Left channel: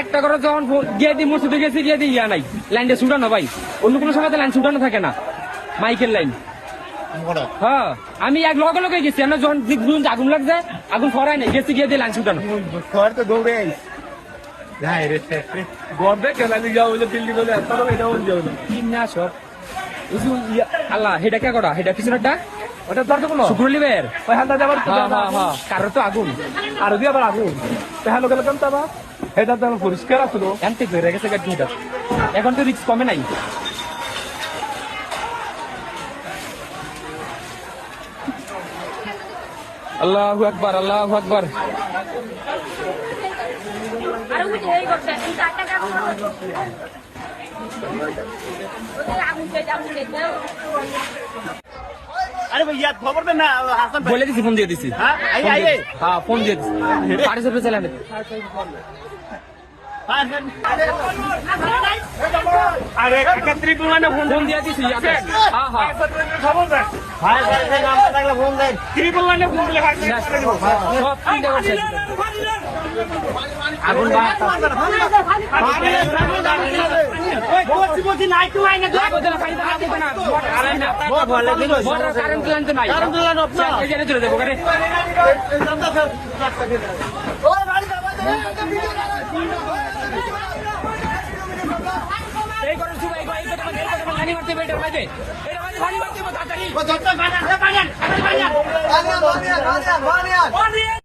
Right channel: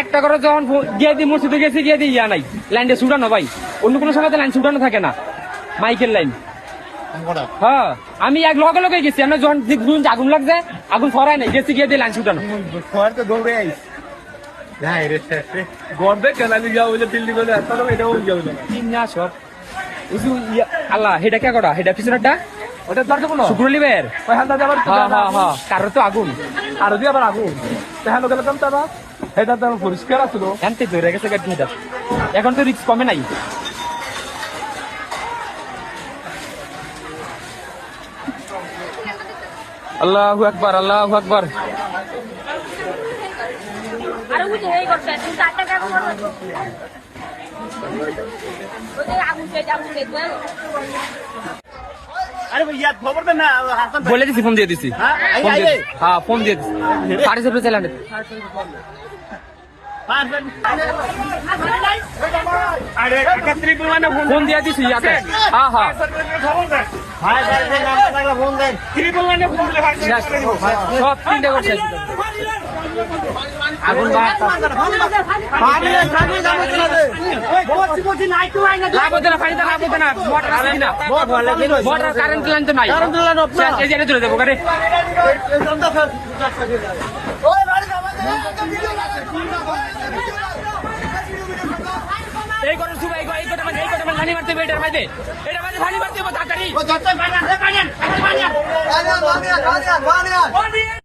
একটা করে যখন গিয়ে দিই মসজিদে গেছি গিয়ে দিই ইয়া নাই লাইনটা ছুটানো ভাই, অন্য কোনো সময় লাইন ছুটানো থাকে না, মাইকের লাইন। হ্যাঁ আমি এক লগে লগে গেছি, আমরা যখন আগুন লাগছে আগুন ফরাই নাই, গেছি গিয়ে দিয়ে লাইন ছুটানো। দৌড়ে আইস গর্বে কেনালি যাও বিল্ডিং হলে এটাও যাও না সব আল্লাহ হেটা কে করা, হেটা পিছনেরটা ওটা দরকার কোনো শুক্রলিবের কারো তো আগুন আর যদি আবার আগুন তাহলে গেলে কেমন তারা এটা তো পরিষ্কার আসলো জানতে পেরে গেছে গাড়ি হেটা, এখন তো রিস্ক কমে নাই। আল্লাহু আকবার, আল্লাহু আকবার। বলে দিছি, ফোন দিয়ে দিছি, হ্যাঁ ফোন দিয়ে দিছি, 450 চালান ফোন দিয়ে দিছি। আগুন এই